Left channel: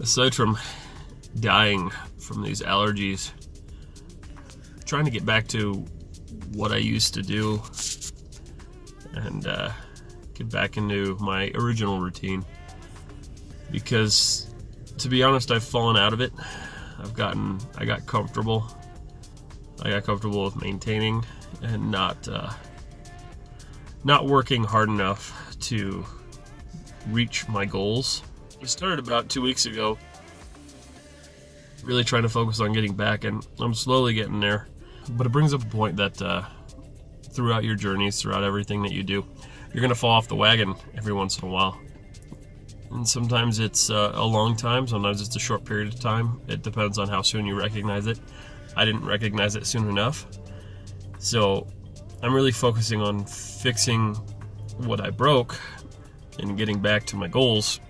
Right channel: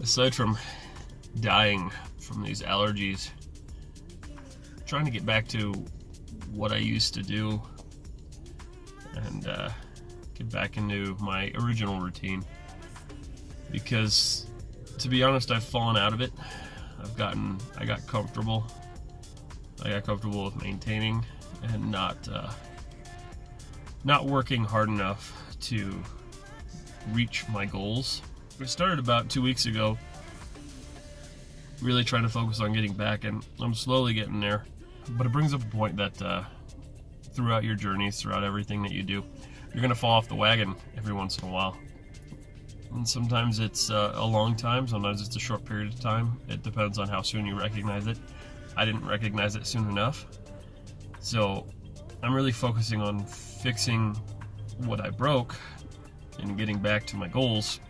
Aside from dying from these allergies, trying to get back to what I used to do and get back into my original routine, because to be honest, I've fallen out of it. I got comfortable with maintaining and not working hard enough to reach my goals. We started about 2 weeks ago, really trying to focus on getting back, and I'm slowly getting there. But it brings up a point that throughout your journeys, throughout everything that you do, you're gonna fall off the wagon every once in a while. And sometimes it's a long time, sometimes it's a short period of time. It depends on how soon you recognize it. I didn't recognize it soon enough. So I'm really focusing on fixing what I broke and getting back to my goals.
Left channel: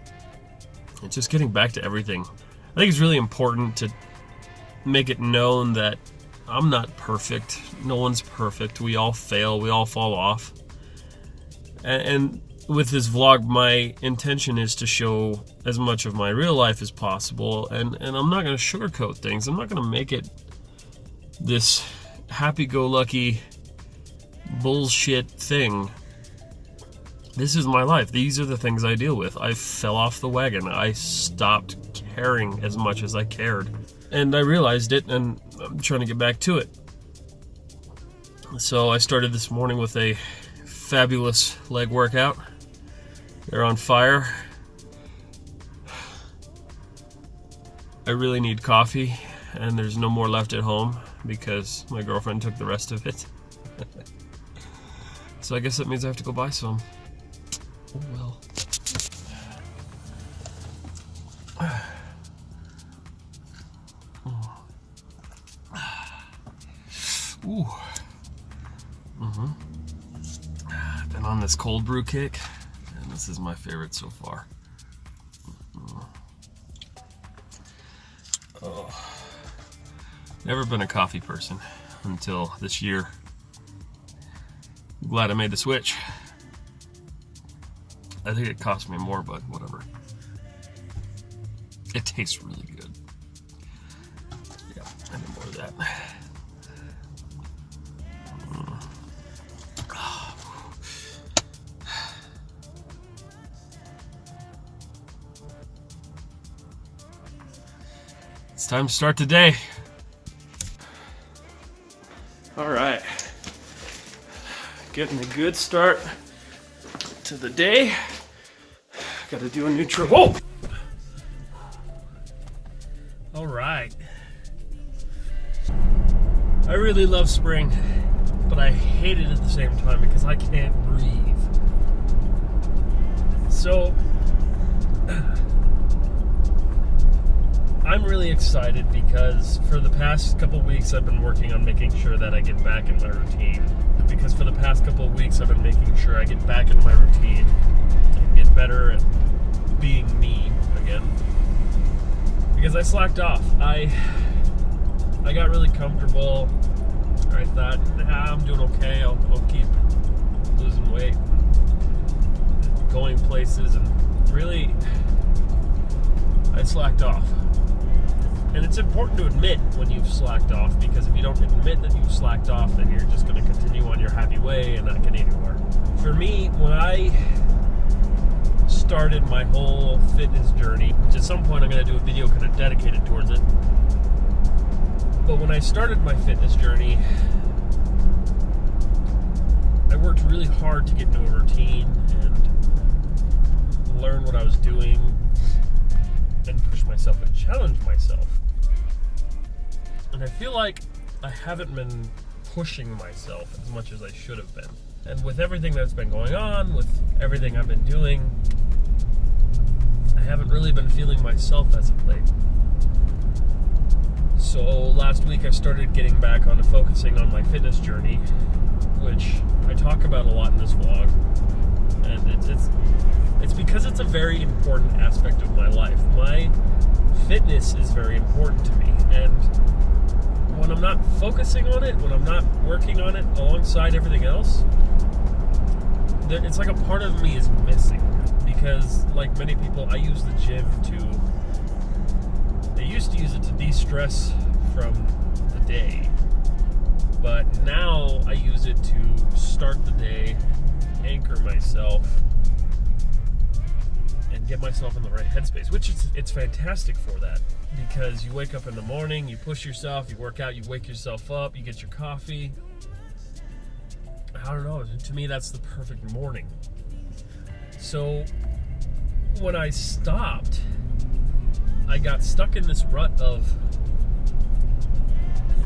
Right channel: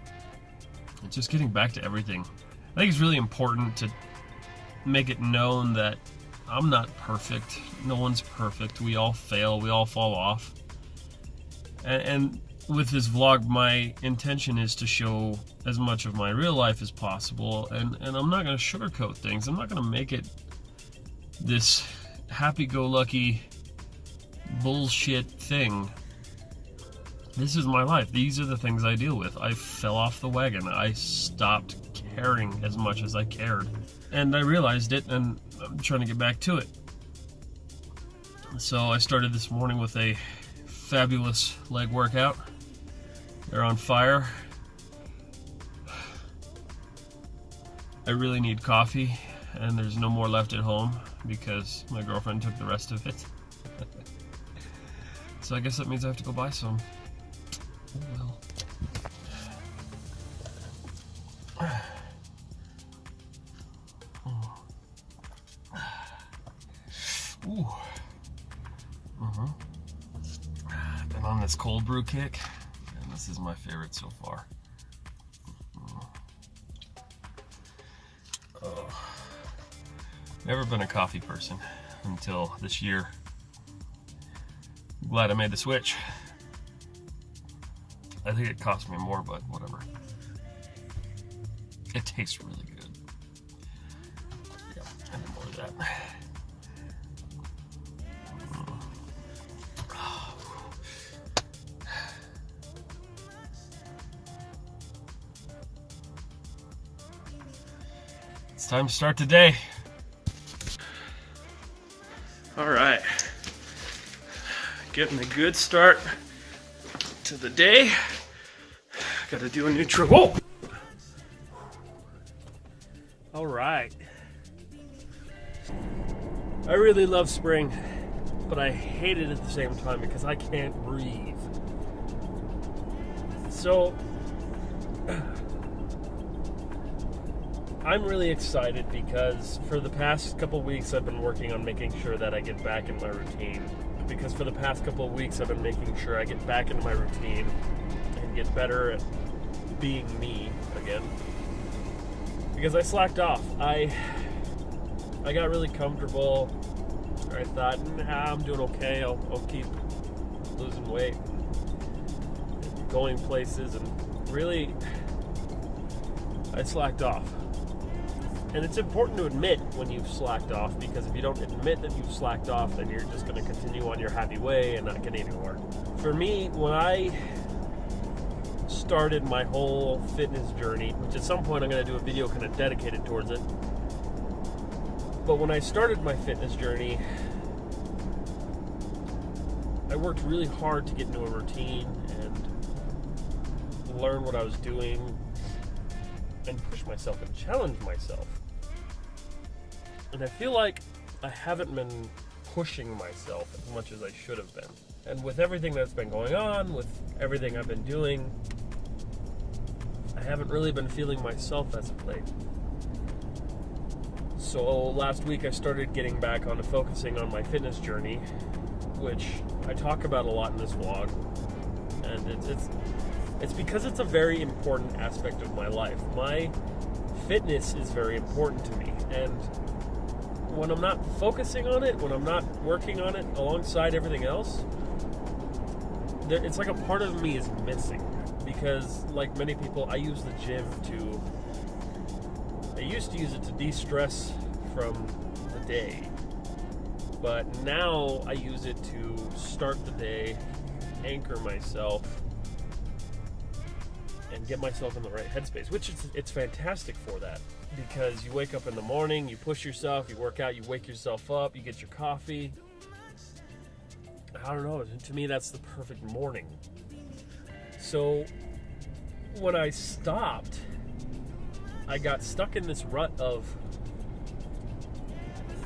And just getting back to everything. I think it's really important to make it known that I'm not perfect. No one's perfect. We all fail. We all fall off. And with this vlog, my intention is to show as much of my real life as possible. And I'm not going to sugarcoat things. I'm not going to make it this happy-go-lucky bullshit thing. This is my life. These are the things I deal with. I fell off the wagon. I stopped caring as much as I cared. And I realized it, and I'm trying to get back to it. So I started this morning with a fabulous leg workout. They're on fire. I really need coffee, and there's no more left at home because my girlfriend took the rest of it. So I guess that means I have to go buy some. Oh well. Ooh. Been on this cold brew kick, and this is my favorite so far. Oh. Never been a coffee person until this year. I'm glad I made the switch. I think it cost me more, but whatever. It tastes really good. Yeah, I need more of that. It's time to start the day. All right. Getting a good start to the day. Got to do a new trip. Whoa! All right. I really love spring, but I hate it at the same time because I can't breathe. So I'm really excited because for the past couple weeks I've been working on making sure that I get back in my routine. Because for the past couple of weeks I've been making sure I get back into my routine and get better at being me again. Because I slacked off. I got really comfortable. I thought, nah, I'm doing okay. I'll keep losing weight, going places, and really I slacked off. And it's important to admit when you've slacked off, because if you don't admit that you've slacked off, then you're just going to continue on your happy way and not get anywhere. For me, when I started my whole fitness journey, which at some point I'm going to do a video kind of dedicated towards it, but when I started my fitness journey, I worked really hard to get into a routine and learn what I was doing and push myself and challenge myself. And I feel like I haven't been pushing myself as much as I should have been. And with everything that's been going on, with everything I've been doing, I haven't really been feeling myself as of late. So last week I started getting back onto focusing on my fitness journey, which I talk about a lot in this vlog. And it's because it's a very important aspect of my life. My fitness is very important to me, and when I'm not focusing on it, when I'm not working on it alongside everything else, it's like a part of me is missing. Because like many people, I use the gym to used to use it to de-stress from the day, but now I use it to start the day, anchor myself, and get myself in the right headspace, which it's fantastic for that, because you wake up in the morning, you push yourself, you work out, you wake yourself up, you get your coffee. I don't know, to me that's the perfect morning. So when I stopped, I got stuck in this rut of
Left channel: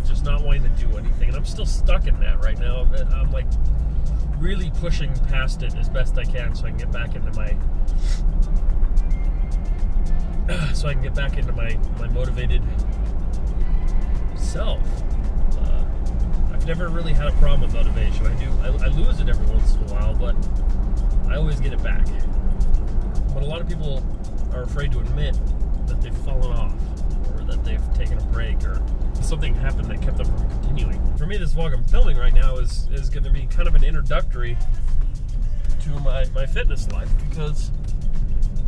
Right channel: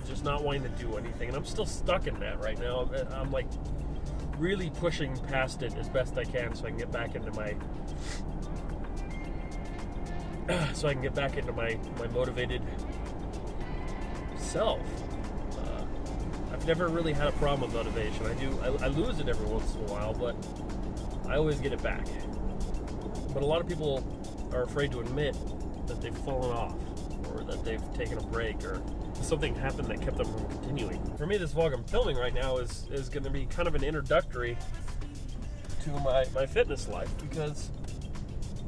just not wanting to do anything, and I'm still stuck in that right now. I'm like really pushing past it as best I can so I can get back into my motivated self. I've never really had a problem with motivation. I lose it every once in a while, but I always get it back. But a lot of people are afraid to admit that they've fallen off, or that they've taken a break, or something happened that kept them from continuing. For me, this vlog I'm filming right now is going to be kind of an introductory to my fitness life, because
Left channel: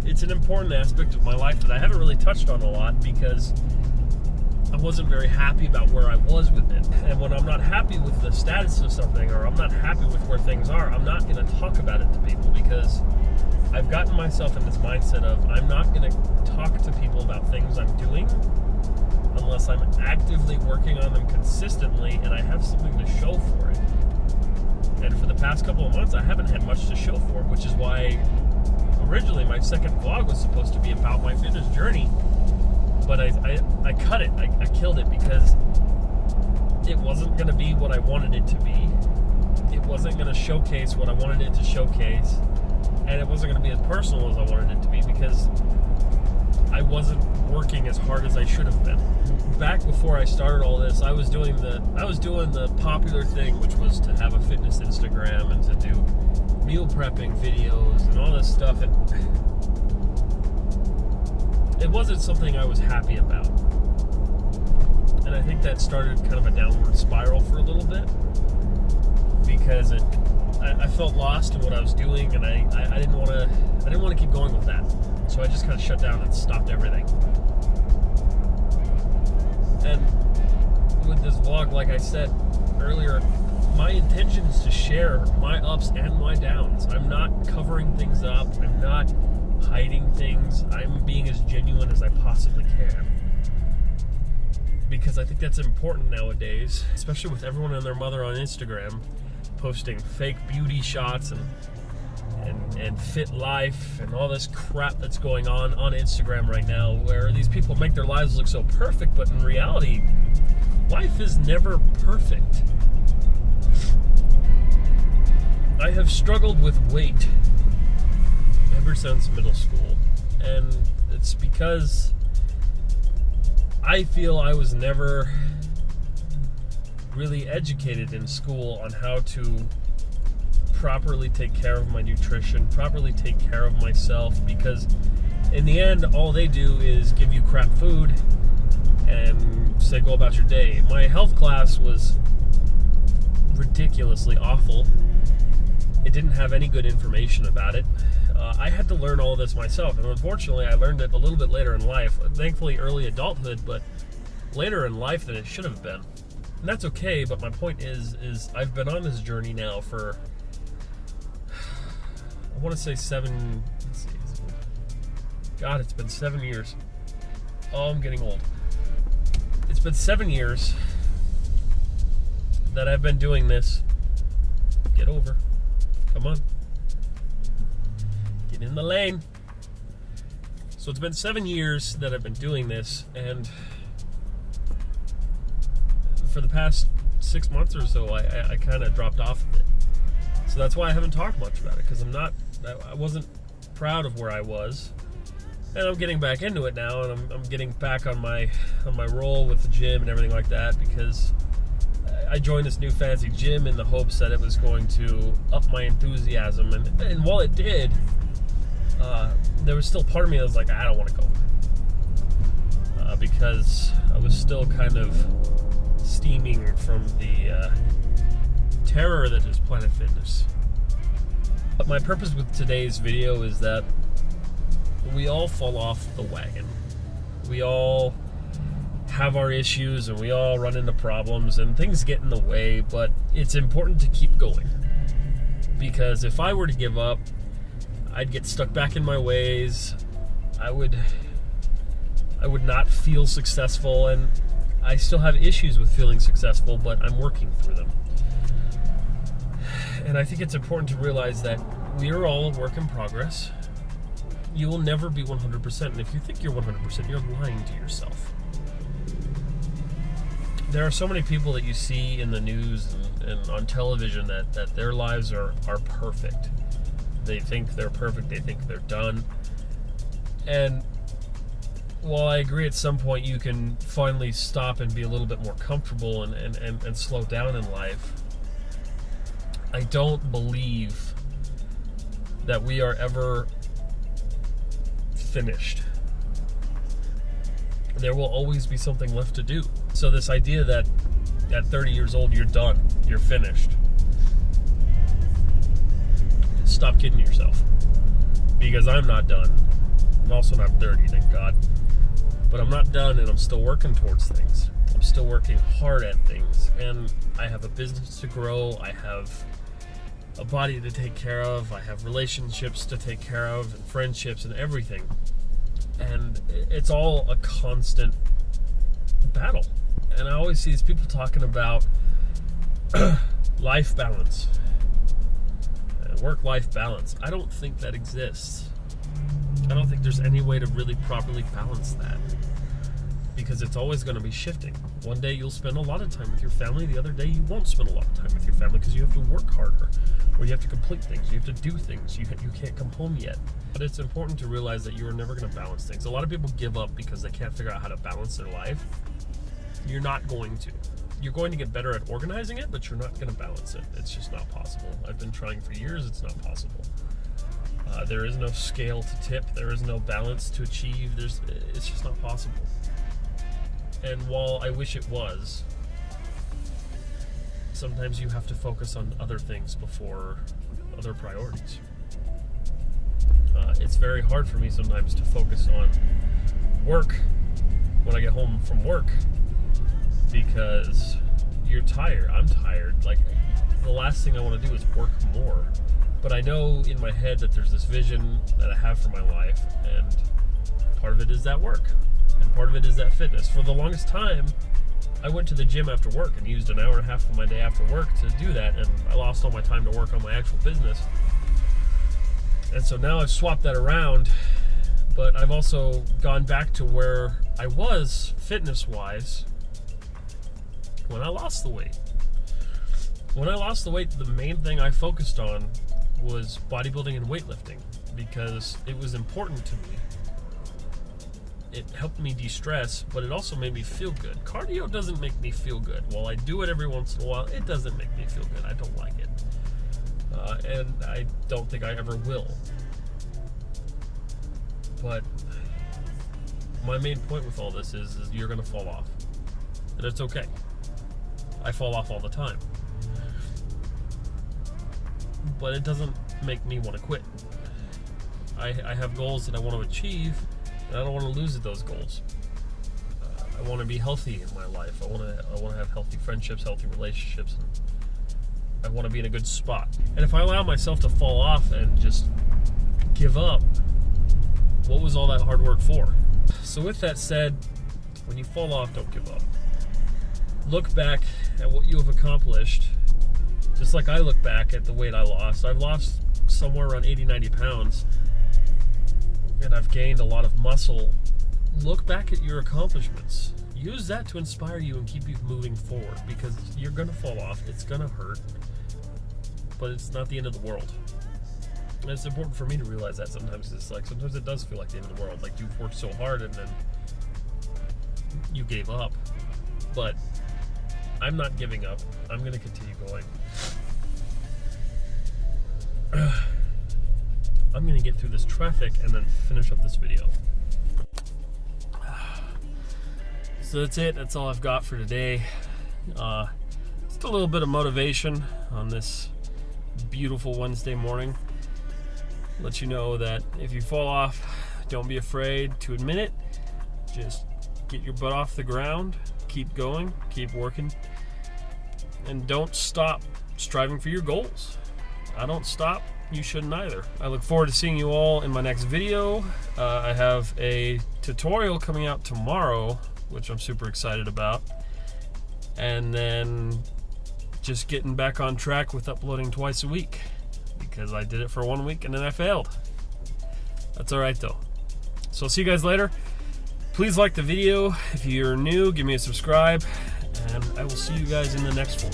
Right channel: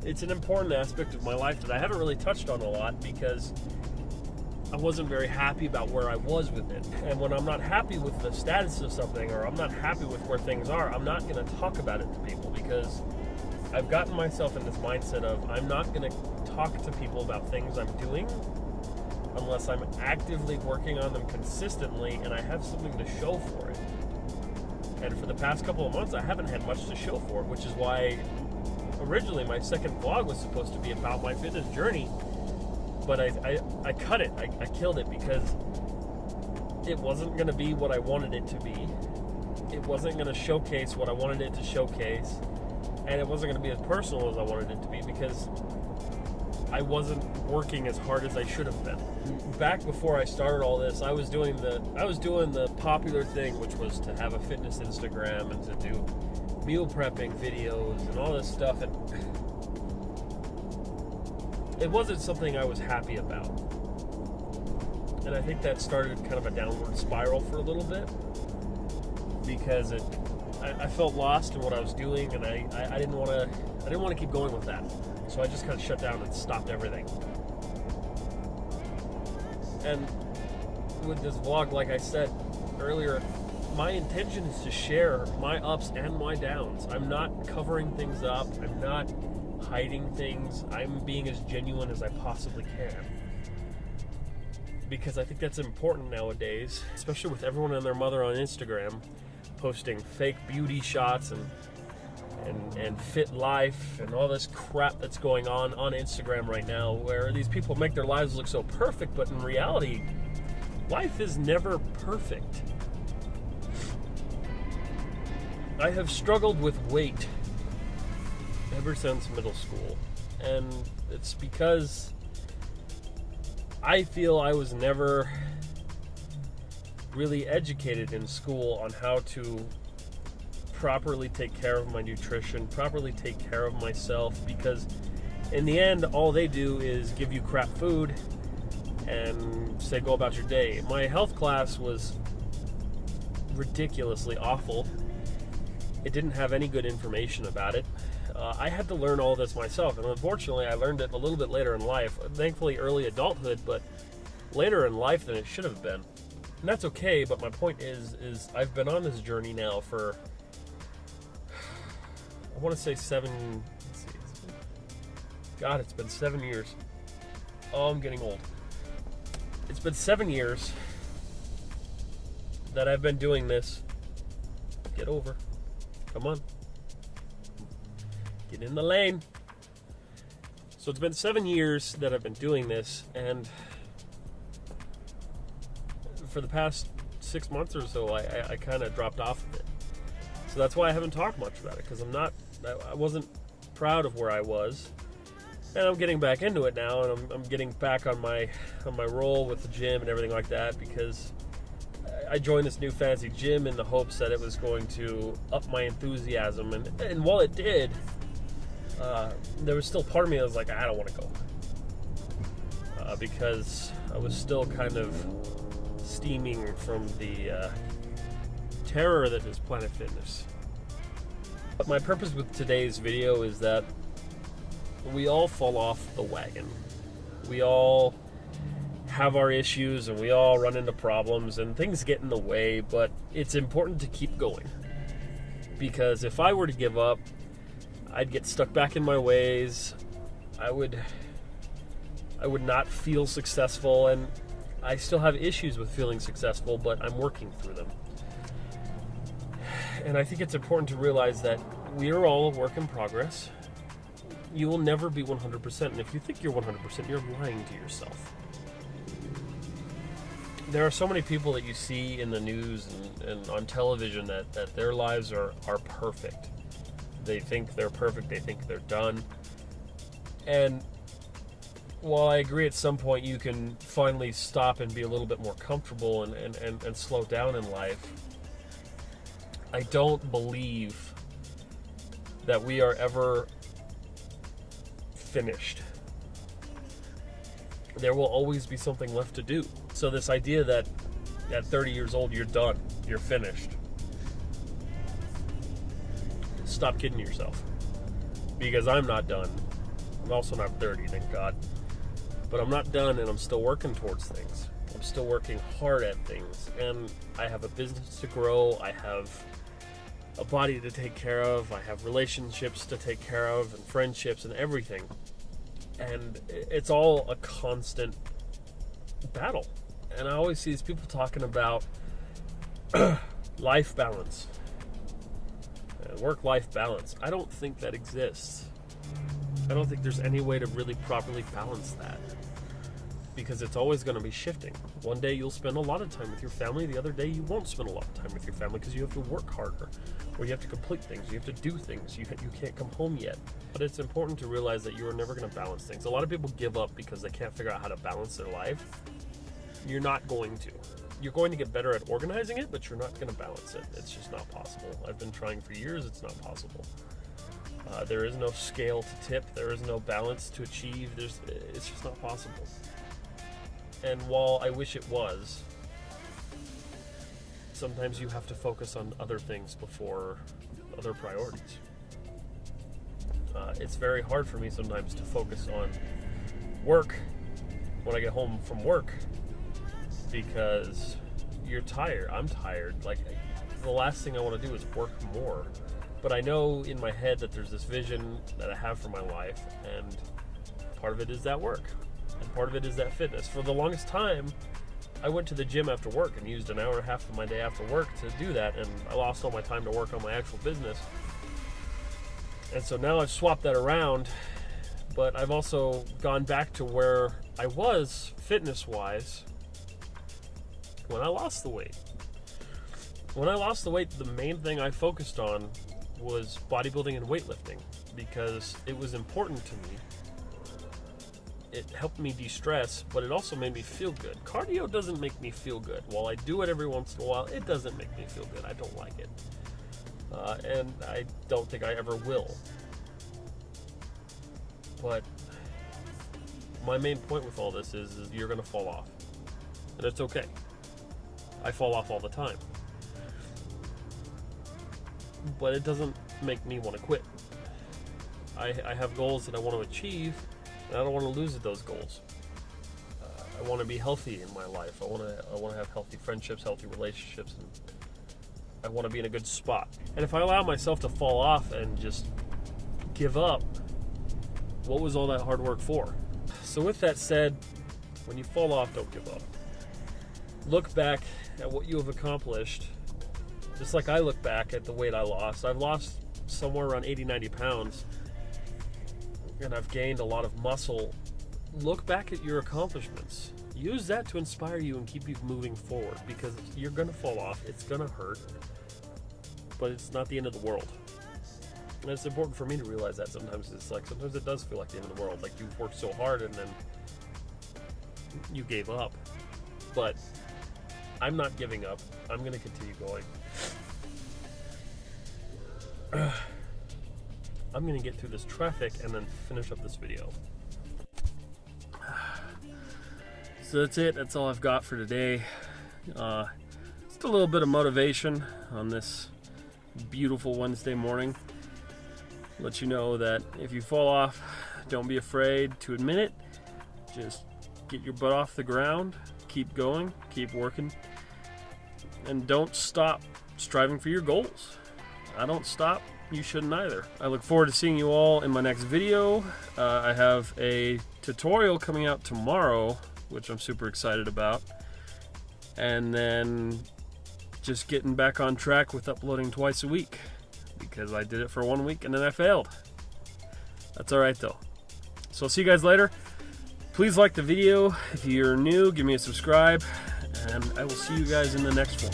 it's an important aspect of my life that I haven't really touched on a lot, because I wasn't very happy about where I was with it. And when I'm not happy with the status of something, or I'm not happy with where things are, I'm not going to talk about it to people, because I've gotten myself in this mindset of I'm not going to talk to people about things I'm doing unless I'm actively working on them consistently and I have something to show for it. And for the past couple of months, I haven't had much to show for it, which is why originally my second vlog was supposed to be about my fitness journey, but I cut it. I killed it, because it wasn't going to be what I wanted it to be. It wasn't going to showcase what I wanted it to showcase, and it wasn't going to be as personal as I wanted it to be, because I wasn't working as hard as I should have been. Back before I started all this, I was doing the popular thing, which was to have a fitness Instagram and to do meal prepping videos and all this stuff, and it wasn't something I was happy about. And I think that started kind of a downward spiral for a little bit, because I felt lost in what I was doing, and I didn't want to keep going with that. So I just kind of shut down and stopped everything. And with this vlog, like I said earlier, my intention is to share my ups and my downs. I'm not covering things up. I'm not hiding things. I'm being as genuine as I possibly can, because I think that's important nowadays, especially with everyone and their mother on Instagram posting fake beauty shots and fit life and all this crap that's going on Instagram right now, where these people make their lives look so perfect, but in reality, life is never perfect. I have struggled with weight ever since middle school, and it's because I feel I was never really educated in school on how to properly take care of my nutrition, properly take care of myself, because in the end, all they do is give you crap food and say go about your day. My health class was ridiculously awful. It didn't have any good information about it. I had to learn all this myself, and unfortunately I learned it a little bit later in life. Thankfully early adulthood, but later in life than it should have been. And that's okay, but my point is I've been on this journey now for, I want to say God, it's been 7 years. Oh, I'm getting old. It's been 7 years that I've been doing this. Get over. Come on. Get in the lane. So it's been 7 years that I've been doing this, and for the past 6 months or so, I kind of dropped off of it. So that's why I haven't talked much about it, because I wasn't proud of where I was, and I'm getting back into it now, and I'm getting back on my roll with the gym and everything like that, because I joined this new fancy gym in the hopes that it was going to up my enthusiasm, and while it did, there was still part of me that was like, I don't want to go, because I was still kind of steaming from the terror that is Planet Fitness. But my purpose with today's video is that we all fall off the wagon. We all have our issues, and we all run into problems, and things get in the way, but it's important to keep going. Because if I were to give up, I'd get stuck back in my ways. I would not feel successful, and I still have issues with feeling successful, but I'm working through them. And I think it's important to realize that we are all a work in progress. You will never be 100%, and if you think you're 100%, you're lying to yourself. There are so many people that you see in the news and on television that their lives are perfect. They think they're perfect, they think they're done. And while I agree at some point you can finally stop and be a little bit more comfortable and slow down in life, I don't believe that we are ever finished. There will always be something left to do. So this idea that at 30 years old you're done, you're finished, stop kidding yourself. Because I'm not done. I'm also not 30, thank God. But I'm not done, and I'm still working towards things. I'm still working hard at things, and I have a business to grow. I have a body to take care of. I have relationships to take care of, and friendships and everything. And it's all a constant battle. And I always see these people talking about life balance, work-life balance. I don't think that exists. I don't think there's any way to really properly balance that, because it's always going to be shifting. One day you'll spend a lot of time with your family, the other day you won't spend a lot of time with your family because you have to work harder, or you have to complete things, you have to do things, you can't come home yet. But it's important to realize that you are never going to balance things. A lot of people give up because they can't figure out how to balance their life. You're not going to. You're going to get better at organizing it, but you're not going to balance it. It's just not possible. I've been trying for years, it's not possible. There is no scale to tip. There is no balance to achieve. It's just not possible. And while I wish it was, sometimes you have to focus on other things before other priorities. It's very hard for me sometimes to focus on work when I get home from work, because you're tired. I'm tired. Like, the last thing I want to do is work more. But I know in my head that there's this vision that I have for my life, and part of it is that work, and part of it is that fitness. For the longest time, I went to the gym after work and used an hour and a half of my day after work to do that, and I lost all my time to work on my actual business. And so now I've swapped that around, but I've also gone back to where I was fitness-wise when I lost the weight. When I lost the weight, the main thing I focused on was bodybuilding and weightlifting, because it was important to me. It helped me de-stress, but it also made me feel good. Cardio doesn't make me feel good. While I do it every once in a while, it doesn't make me feel good. I don't like it. And I don't think I ever will. But my main point with all this is you're going to fall off. And it's okay. I fall off all the time. But it doesn't make me want to quit. I have goals that I want to achieve, and I don't want to lose those goals. I want to be healthy in my life. I want to have healthy friendships, healthy relationships, and I want to be in a good spot. And if I allow myself to fall off and just give up, what was all that hard work for? So with that said, when you fall off, don't give up. Look back at what you have accomplished. Just like I look back at the weight I lost. I've lost somewhere around 80, 90 pounds, and I've gained a lot of muscle. Look back at your accomplishments. Use that to inspire you and keep you moving forward, because you're going to fall off. It's going to hurt, but it's not the end of the world. And it's important for me to realize that sometimes. Sometimes it does feel like the end of the world. Like, you've worked so hard and then you gave up. But I'm not giving up. I'm going to continue going. I'm going to get through this traffic and then finish up this video. So that's it. That's all I've got for today. Just a little bit of motivation on this beautiful Wednesday morning. Let you know that if you fall off, don't be afraid to admit it. Just get your butt off the ground, keep going, keep working, and don't stop striving for your goals. I don't stop, you shouldn't either. I look forward to seeing you all in my next video. I have a tutorial coming out tomorrow, which I'm super excited about. And then just getting back on track with uploading twice a week, because I did it for 1 week and then I failed. That's alright though. So I'll see you guys later. Please like the video. If you're new, give me a subscribe, and I will see you guys in the next one.